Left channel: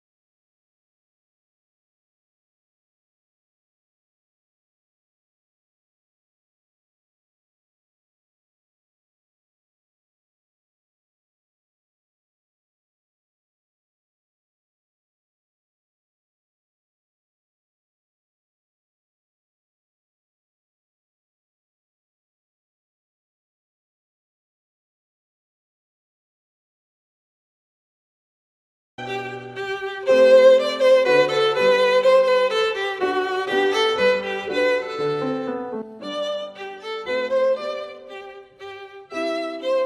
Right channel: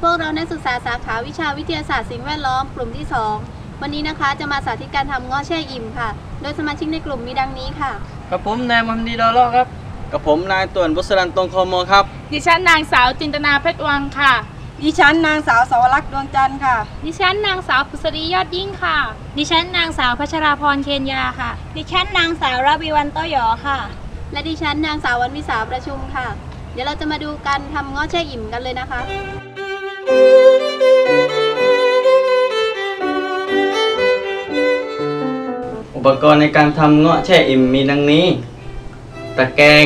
พวกเรานักศึกษาสาขาวิชาวิทยาศาสตร์สิ่งแวดล้อมกลุ่มที่ 2 วันนี้นะคะจะมาสาธิตการทำเงาะแช่อิ่มค่ะ โดยสมาชิกในกลุ่มมีดังนี้ค่ะ กับผมนายมฮัมดีดอลเลาะครับ กับผมนายต่วนบุษรันตรงโคโมครับ ดิฉันนางสาวจินตนาเพชรวังค่ะ ดิฉันนางสาวสวรักษ์ดวงจันทร์ค่ะ ดิฉันนางสาวผุษรียอดยิ่งค่ะ ดิฉันนางสาวพัชราพรเคนยาค่ะ ดิฉันนางสาวราบีวันโตหยอค่ะ และดิฉันนางสาววันวิสาประชุมค่ะเดี๋ยวเราจะมาดูการทำงาะแช่อิ่มกันเลยนะคะอุปกรณ์ในการทำเงาะแช่อิ่มมีดังนี้ ตะแกรง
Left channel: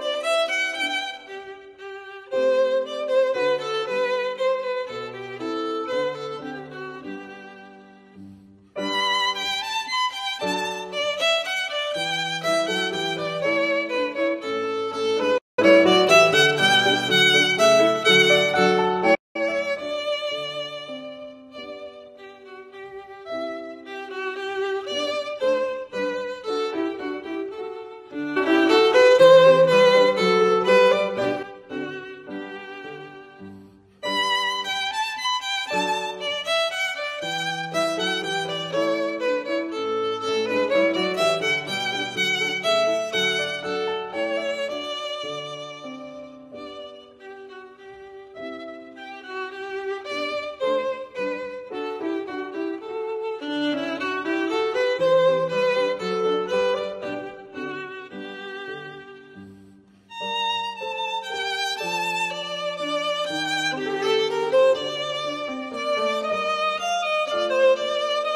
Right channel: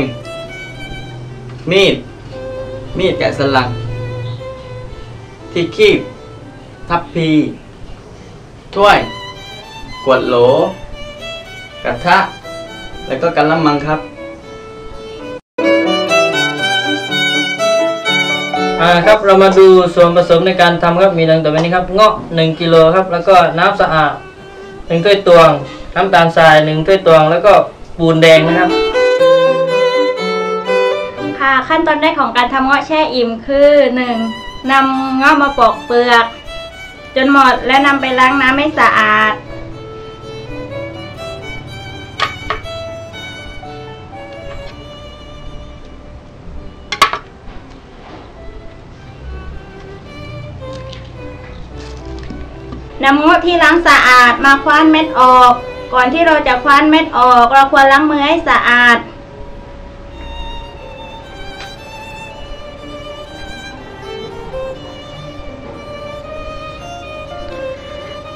มีด มีดแกะสลัก ที่คีบ ทัพพี ถ้วย ขวดโหล กระทะ แล้วก็กระมังครับ เรามาดูส่วนผสมในการทำครับมีดังต่อไปนี้ครับเงาะ1กิโลครับแล้วก็น้ำสะอาด1ถ้วยตวง น้ำตาลทราย1ถ้วยตวง แล้วก็ปูนแดงนะครับ ค่ะขั้นตอนแรกของการทำเงาะแช่อิ่มคือ 1. นำเงาะมาปอกเปลือก จนหมดและนำไปล้างน้ำให้สะอาด นำเงาะที่ล้างสะอาดมาคว้านเม็ดออก ก่อนที่เราจะคว้านเม็ดออก เราควรล้างมือให้สะอาด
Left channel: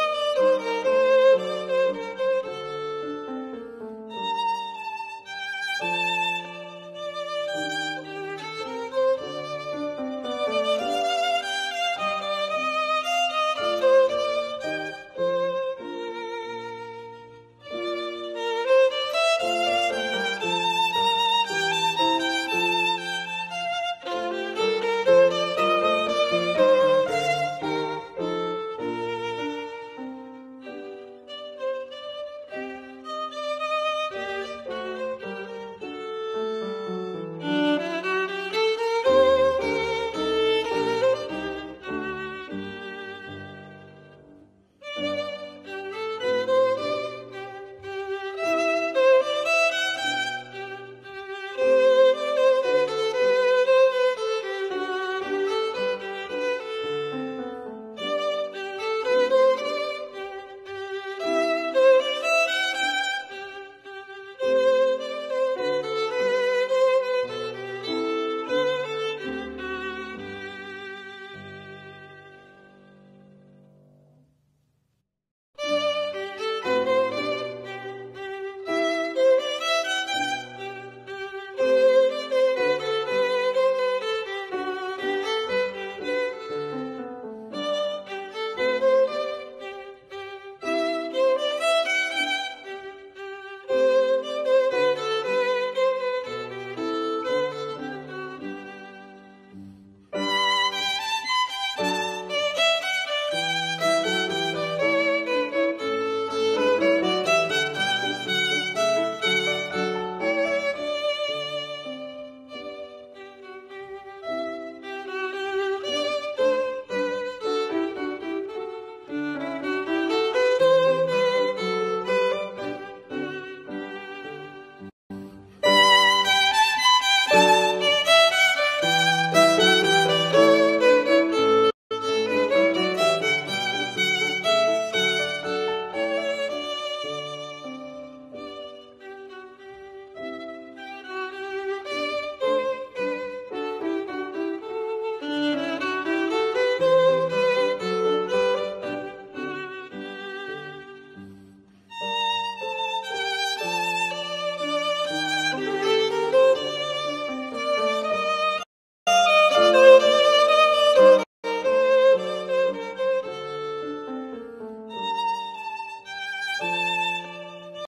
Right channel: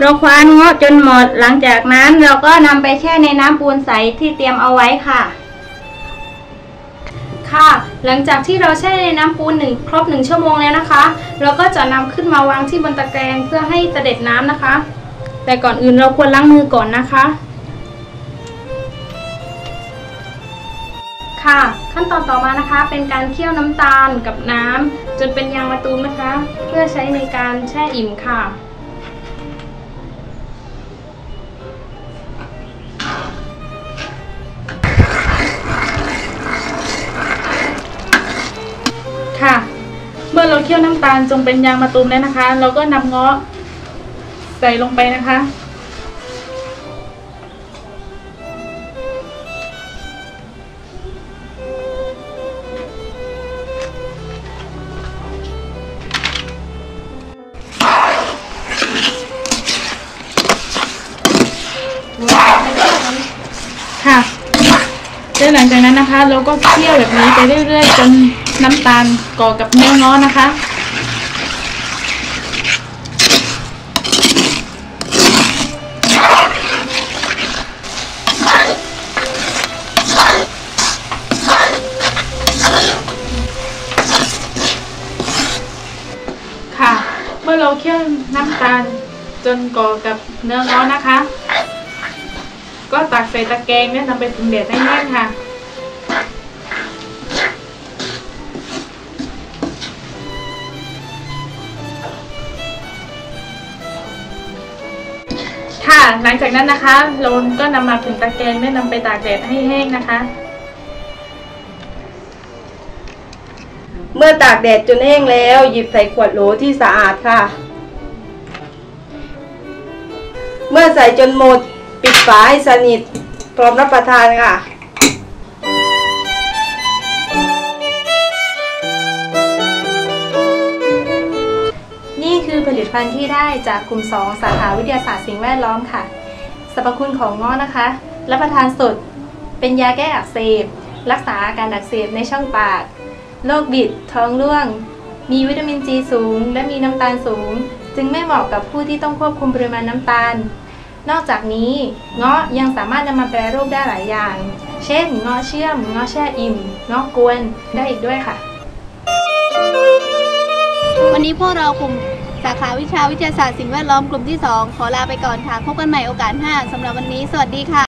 เราคว้านเงาะจนหมด หลังจากนั้นเราก็นำไปแช่ในน้ำปูนใสที่เตรียมเอาไว้ค่ะ ค่ะ หลังจากที่เราแช่ในน้ำปูนหนึ่งครบหนึ่งชั่วโมงแล้วนะคะ เราก็จะนำขึ้นมาวางที่บนตะแกรงเพื่อให้เสด็จน้ำนะคะ แต่ก่อนอื่นเราควรล้างมือก่อนนะคะ ค่ะ ขั้นตอนต่อมานะคะ เป็นการเคี่ยวน้ำตาลกับน้ำจนเป็นยางมะตูมนะคะ เพื่อใช้ในการแช่อิ่มค่ะค่ะ ยวน้ำตาลจงเป็นยางมะตูมแล้วนะคะ เราก็นำเงาะใส่ลงไปนะคะ ค่ะแล้วหลังจากนั้นนะคะ เราก็เคี่ยวแบบนี้ไปเรื่อยๆจน น้ำตาลก่อกับเนื้อง้อนะคะ ค่ะ เมื่อเราเคี่ยวน้ำตาลจนก่อกับเนื้อง้อนะคะ ก็ตักใส่ตะแกรงและนำไปผึ่งแดดให้แห้งค่ะ ค่ะ หลังจากนั้นนะคะ เราก็นำมาผึ่งตะแกรงและนำไปตากแดดให้แห้งนะคะ เมื่อตากแดดจนแห้งแล้ว หยิบใส่ขวดโหลที่สะอาดค่ะ เมื่อใส่จนหมด ปิดฝาให้สนิท พร้อมรับประทานค่ะ จากกลุ่ม 2 สาขาวิทยาศาสตร์สิ่งแวดล้อมค่ะ สรรพคุณของงาะนะคะ รับประทานสด เป็นยาแก้อักเสบ รักษาอาการอักเสบในช่องปาก โรคบิด ท้องร่วง มีวิตามินซีสูง และมีน้ำตาลสูง จึงไม่เหมาะกับผู้ที่ต้องควบคุมปริมาณน้ำตาล นอกจากนี้เงาะยังสามารถนำมาแปรรูปได้หลายอย่าง เช่นเงาะเชื่อมเงาะแช่อิ่มเงาะกวนได้อีกด้วยค่ะวันนี้พวกเรากลุ่ม สาขาวิชาวิทยาศาสตร์สิ่งแวดล้อมกลุ่มที่ 2 ขอลาไปก่อนค่ะ พบกันใหม่โอกาสหน้าสำหรับวันนี้ สวัสดีค่ะ